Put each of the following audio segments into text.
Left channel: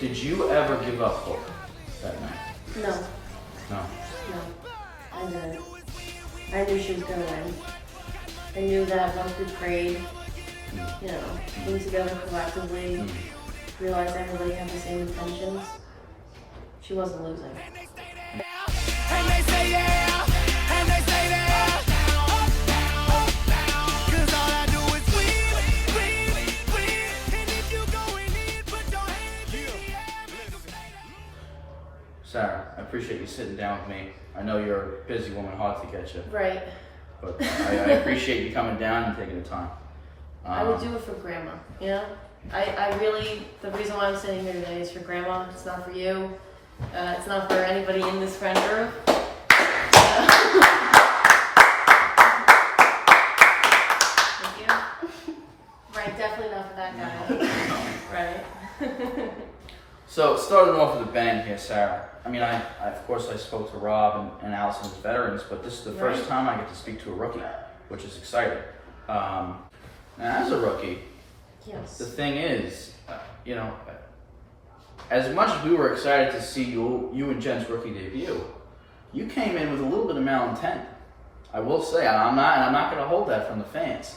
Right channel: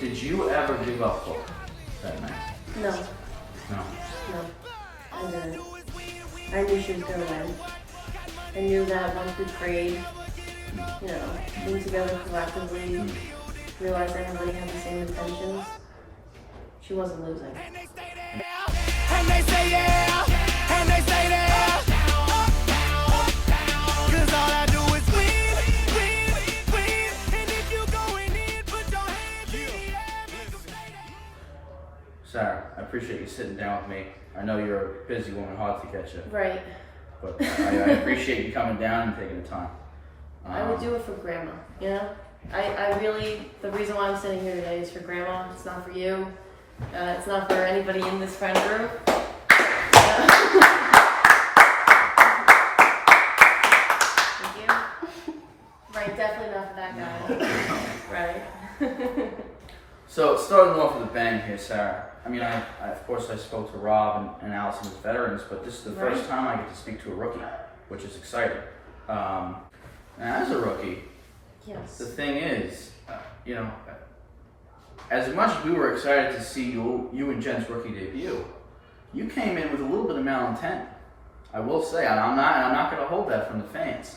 Did you ever give up hope that night? No, No. no, I didn't. I knew she was gonna win. I knew that once we prayed, you know, came together collectively, realized everybody had the same intentions, she wasn't losing. And they stay there, and they say yeah, and they stay there. Cause all I do is win, win, win. And if you going in, put your hands in the air, make 'em stay there. Sarah, I appreciate you sitting down with me. I know you're a busy woman, hard to get you, Right. but I appreciate you coming down and taking the time. I would do it for Grandma, you know? I really, the reason why I'm sitting here today is for Grandma. It's not for you. It's not for anybody in this friend group. Thank you. Right, definitely not for that guy. Right. So, starting off with a bang here, Sarah. I mean, I of course I spoke to Rob and Allison as veterans, but this is the first Right. time I get to speak to a rookie, which is exciting. And as a rookie, Yes. the thing is, you know, as much as we were excited to see you and Jen's rookie debut, you came in with a little bit of malintent. I will say, and I'm not going to hold that from the fans.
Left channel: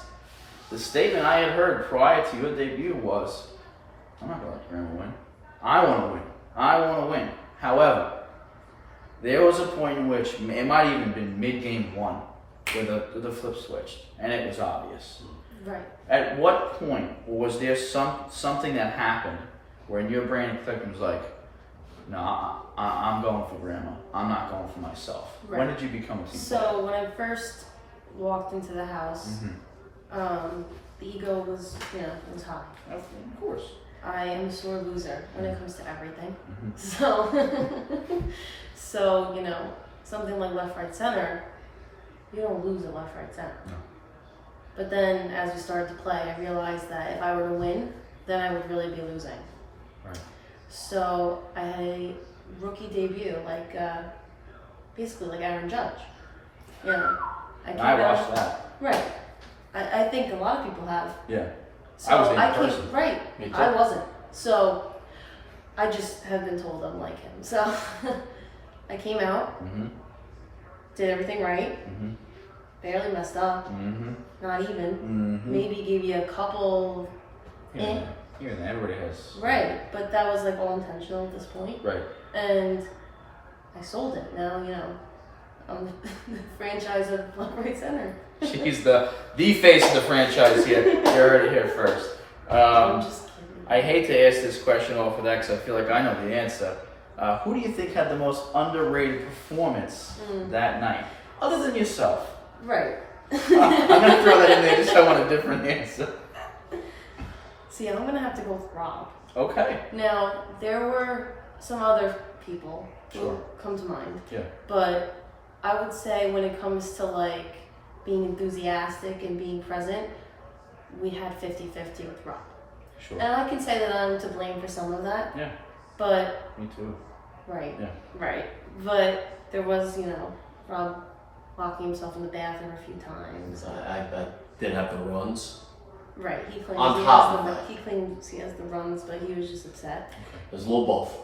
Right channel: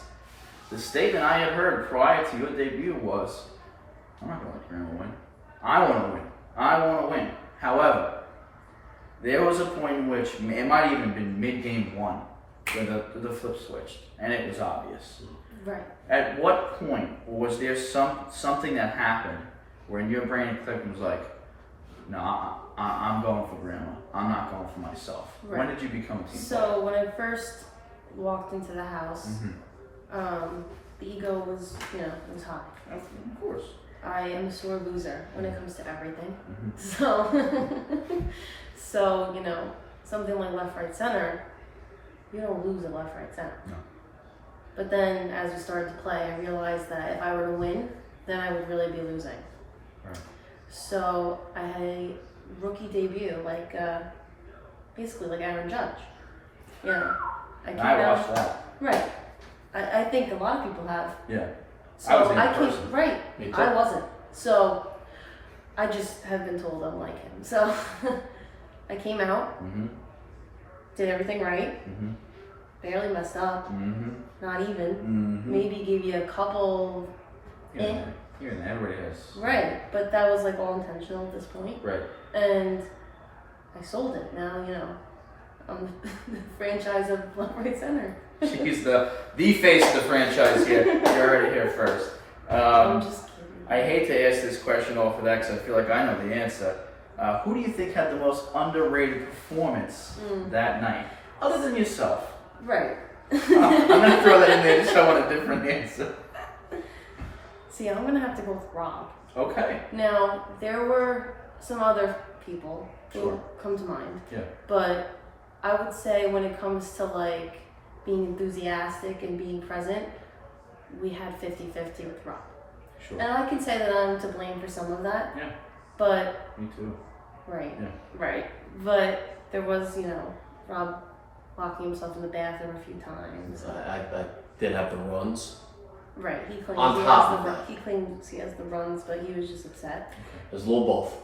The statement I had heard prior to your debut was, "I'm not going to let Grandma win. I want to win. I want to win." However, there was a point in which it might have even been mid-game one where the flip switched, and it was obvious. Right. At what point was there something that happened where in your brain it clicked and was like, "No, I'm going for Grandma. I'm not going for myself." Right. When did you become a team player? So when I first walked into the house, the ego was, you know, was high. Of course. I am a sore loser when it comes to everything. Mhm. So you know, something like left, right, center, you don't lose at left, right, center. No. But then as we started to play, I realized that if I were to win, then I would really be losing. Right. So I had a rookie debut, like basically like Aaron Judge. You know, I came I out. watched that. Right. I think a lot of people have. Yeah. So I was the I other came person. right. Me too. I wasn't. So I just have been told I'm like him. So I came out, Mm-hmm. did everything right, Mm-hmm. barely messed up, Mm-hmm. not even. Mm-hmm. Maybe gave you a couple. Yeah. Yeah. Everybody has. Right, but that was like all intentional at this point. Right. And I sold it. Now, you know, I'm the franchise of left, right, center. She's the face of the franchise here. You're already here first. I'm just kidding. I hate to ask this question off of that because I feel like I know the answer. Who do you think had the most underrated performance that night, other than yourself? Right. I'm gonna throw that in there just so I want a different answer. See, I'm gonna have to go with Rob. Okay. Now, there were some other people who Sure. come to mind, Yeah. but I would say when it comes to like being enthusiastic and being present, we had 50-50 with Rob. Sure. And I can say that I'm to blame for some of that, Yeah. but, Me too. right, Yeah. right. But there was, you know, Rob locking himself in the bathroom a few times. I did have the runs. Right, he claims On he top has of the that. he claims he has the runs, but he was just upset. There's a little both.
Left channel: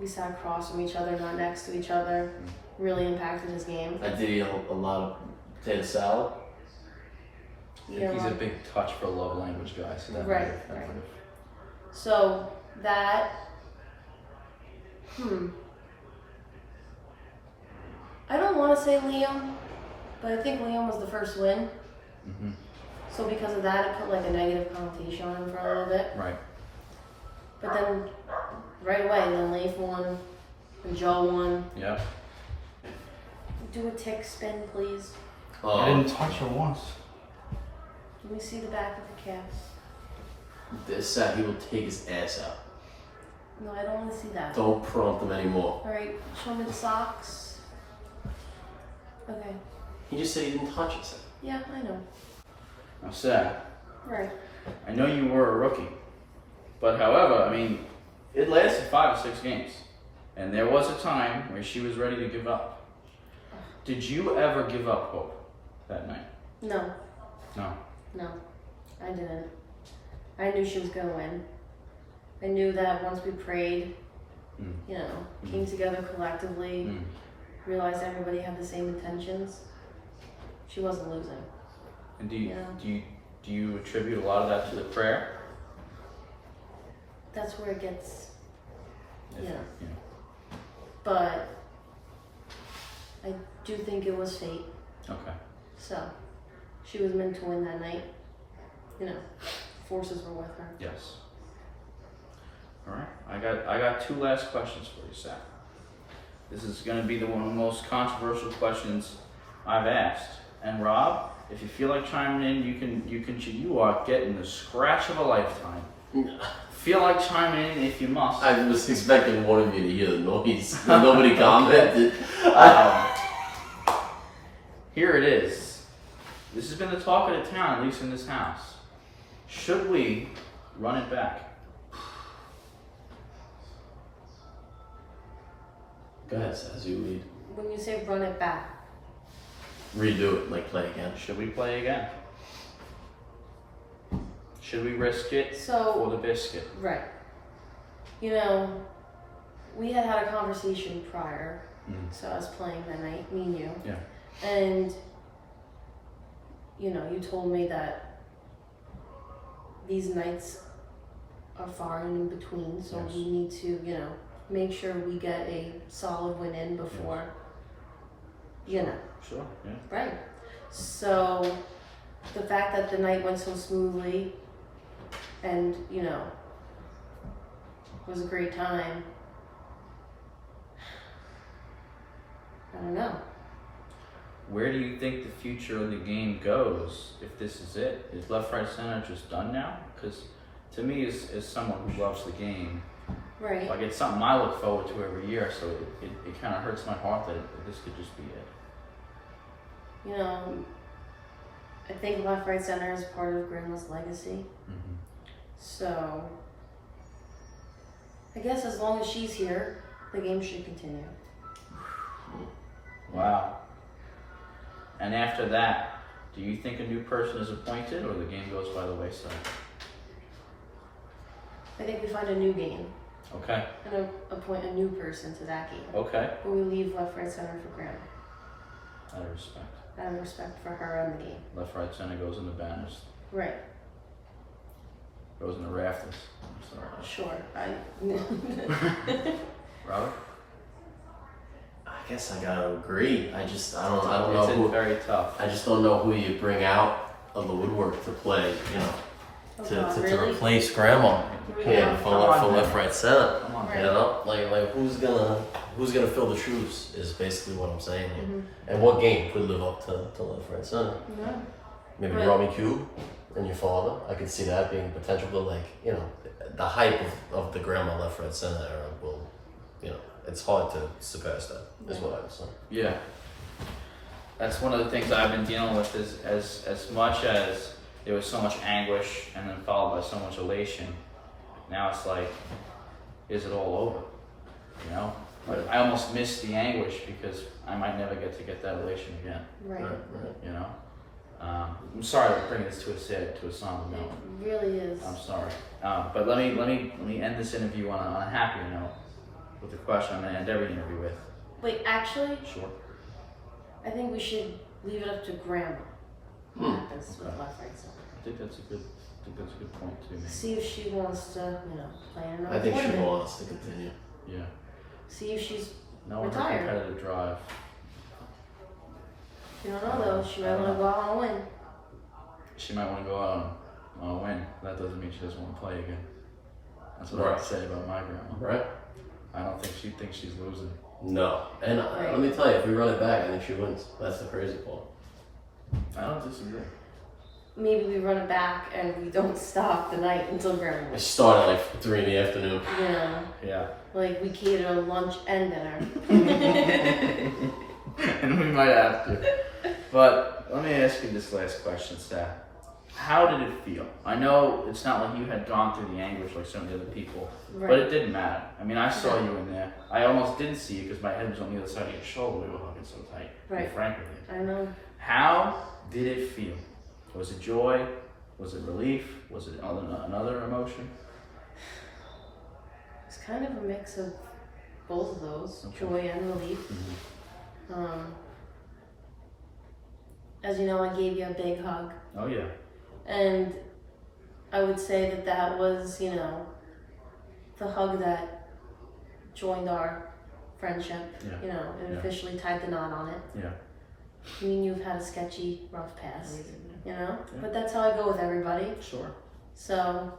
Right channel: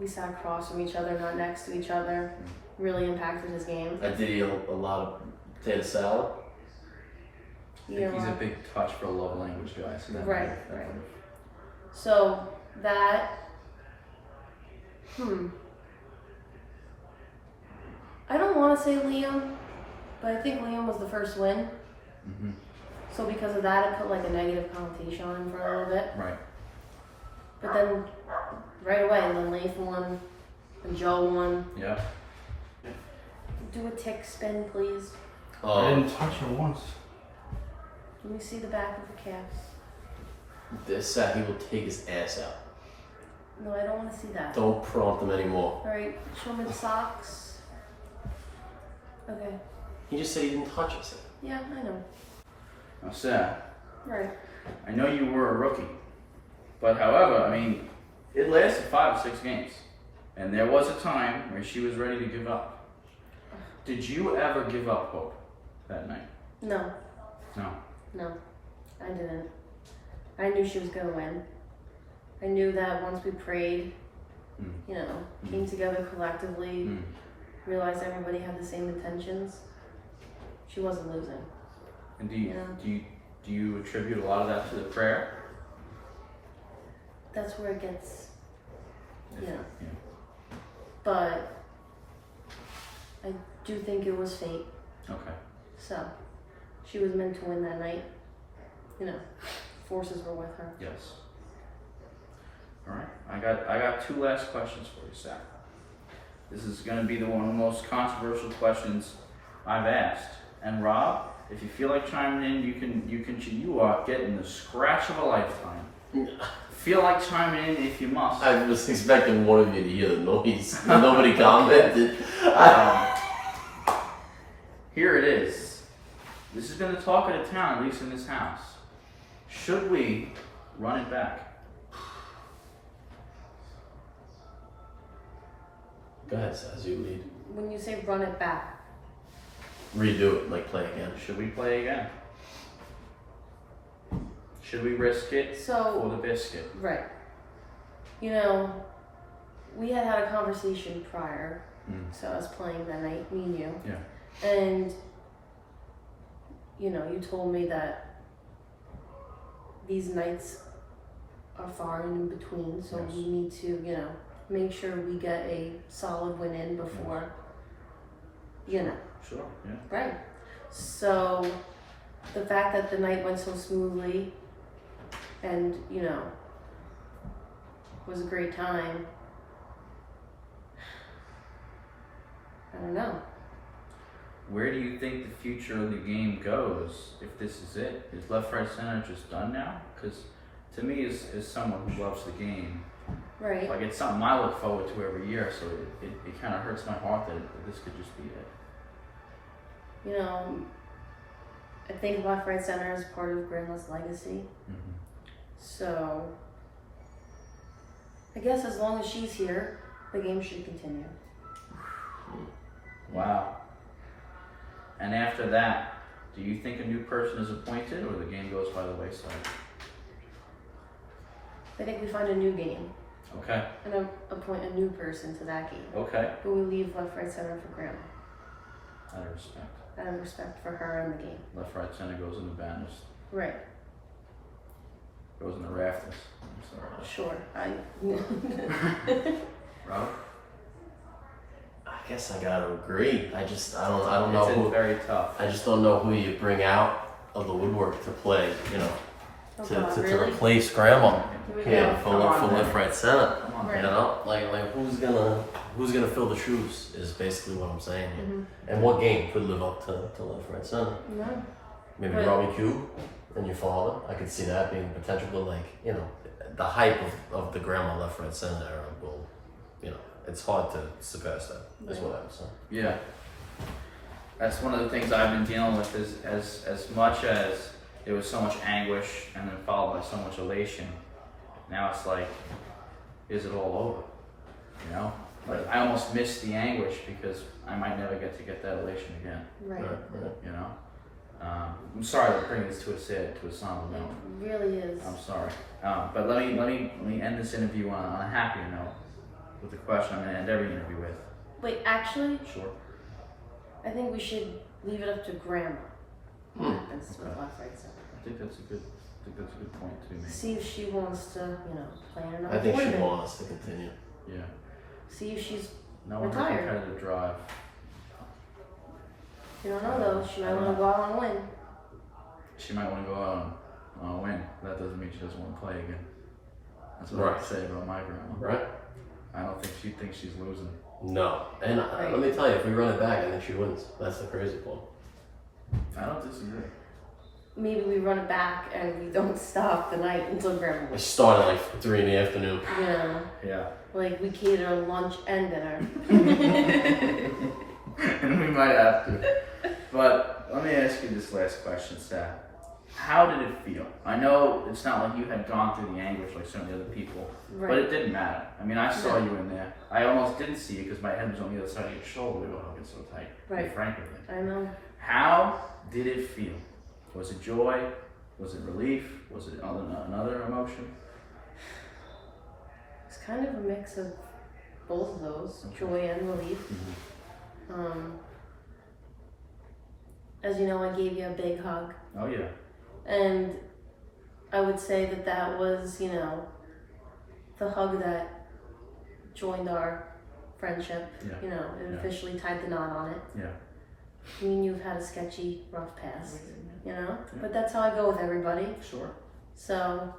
We sat across from each other, not next to each other. Really impacted his game. I did eat a lot of potato salad. I You think know, he's a big touch for a love language guy. So that Right, might- right. So that, I don't want to say Liam, but I think Liam was the first win. Mhm. So because of that, it put like a negative connotation on him for a little bit. Right. But then, right away, then Leif won, and Joe won. Yeah. Do a tick spin, please. I didn't touch her once. Let me see the back of the calf. This he will take his ass out. No, I don't want to see that. Don't prompt him anymore. All right, show me the socks. Okay. He just said he didn't touch us. Yeah, I know. Now, Sarah, Right. I know you were a rookie, but however, I mean, it lasted 5 or 6 games, and there was a time where she was ready to give up. Did you ever give up hope that night? No, No. no, I didn't. I knew she was gonna win. I knew that once we prayed, Mm. you know, came together collectively, Mm. realized everybody had the same intentions, she wasn't losing. And Yeah. do you attribute a lot of that to the prayer? That's where it gets, If- Yeah. but I do think it was fate. Okay. So she was meant to win that night. You know, forces were with her. Yes. All right. I got two last questions for you, Zach. This is going to be one of the most controversial questions I've asked. And Rob, if you feel like chiming in, you are getting the scratch of a lifetime. Feel like chiming in if you must. I was expecting one of you to hear the noise. But nobody commented. Here it is. This has been the talk of the town, at least in this house. Should we run it back? Go ahead, as you lead. When you say run it back, Redo it, like play again. Should we play again? Should we risk it So- for the biscuit? right. You know, we had a conversation prior, so I was playing that night, me and you. Yeah. And, you know, you told me that these nights are far and in between, so Yes. we need to, you know, make sure we get a solid win in before, you know, Sure. Yeah. right. So the fact that the night went so smoothly and, you know, was a great time, I don't know. Where do you think the future of the game goes if this is it? Is left, right, center just done now? Because to me, as someone who loves the game, Right. like it's something I look forward to every year. So it kind of hurts my heart that this could just be it. You know, I think left, right, center is part of Grandma's legacy. Mm-hmm. So I guess as long as she's here, the game should continue. Wow. And after that, do you think a new person is appointed, or the game goes by the wayside? I think we find a new game Okay. and appoint a new person to that game. Okay. But we leave left, right, center for Grandma. Out of respect. Out of respect for her and the game. Left, right, center goes in the banners. Right. Goes in the rafters. I'm sorry. Sure. Robert? I guess I gotta agree. I don't know It's who. very tough. I just don't know who you bring out of the woodwork to play. You know, Oh, to, God, to really? replace Grandma. Here we Yeah, go. for Come on, man. left, right, center. Come on. Right. You know, like who's gonna fill the shoes is basically what I'm saying here. Mhm. And what game could live up to left, right, center? No. Maybe Right. Robbie Q and your father. I could see that being potential, but like, you know, the hype of the Grandma left, right, center era will, you know, it's hard to surpass that. Is what I'm saying. Yeah. That's one of the things I've been dealing with is as much as there was so much anguish and then followed by so much elation, now it's like, is it all over? You know? Like I almost miss the anguish because I might never get that elation again. Right. You know? I'm sorry to bring this to a somber It note. really is. I'm sorry. But let me end this interview on a happier note with the question I'm gonna end every interview with. Wait, actually, Sure. I think we should leave it up to Grandma. What happens with Okay. left, right, center? I think that's a good point too, maybe. See if she wants to, you know, play in another I think she tournament. wants to continue. Yeah. See if she's, No one Retired. competitive drive. you don't know though, she might want to go out and win. She might want to go out on a win. That doesn't mean she doesn't want to play again. That's what I Right. would say about my grandma. Right? I don't think she thinks she's losing. No. And Right. let me tell you, if we run it back, I think she wins. That's the crazy part. I don't disagree. Maybe we run it back and we don't stop the night until Grandma It wins. started like 3 in the afternoon. Yeah, Yeah. like we cater lunch and dinner. And we might have to. But let me ask you this last question, Seth. How did it feel? I know it's not like you had gone through the anguish like some of the other people, but Right. it didn't matter. I mean, I saw Yeah. you in there. I almost didn't see you because my head was on the other side of your shoulder. We were hugging so tight. To be Right. frank with you. I know. How did it feel? Was it joy? Was it relief? Was it another emotion? kind of a mix of both of those, joy and relief. As you know, I gave you a big hug, Oh yeah. and I would say that that was, you know, the hug that joined our friendship. Yeah. You know, it Yeah. officially tied the knot on it. Yeah. Me and you've had a sketchy, rough past, you know? Yeah. But that's how I go with everybody. Sure. So,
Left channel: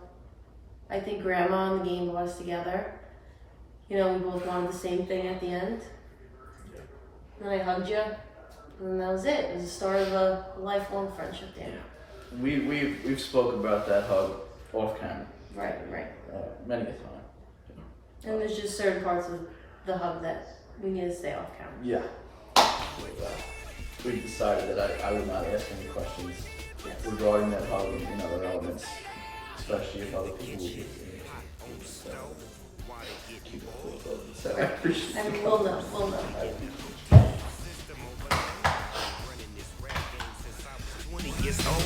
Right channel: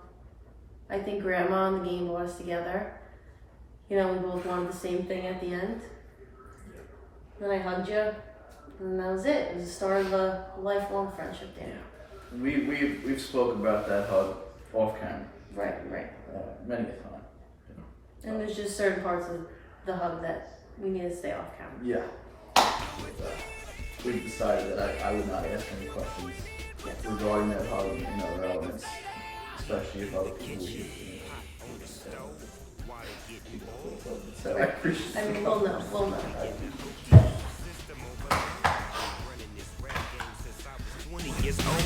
I think Grandma and the game brought us together. You know, we both wanted the same thing at the end. Then I hugged you, and that was it. It was the start of a lifelong friendship, Dan. We've spoken about that hug off camera Right. many a time. And there's just certain parts of the hug that we need to stay off camera. Yeah. We decided that I would not ask any questions regarding that hug and other elements, especially if other people would be. So I appreciate I mean, we'll know. 20 years old,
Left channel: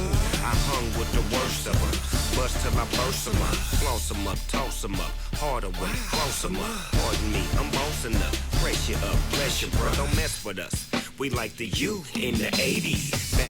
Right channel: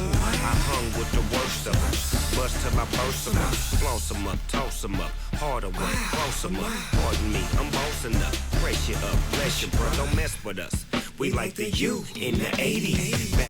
I hung with the worst of them. Bust till I burst them up, floss them up, toss them up, hard away, close them up. Pardon me, I'm bossing up, press you up, bless you, bro, don't mess with us. We like the youth in the 80s.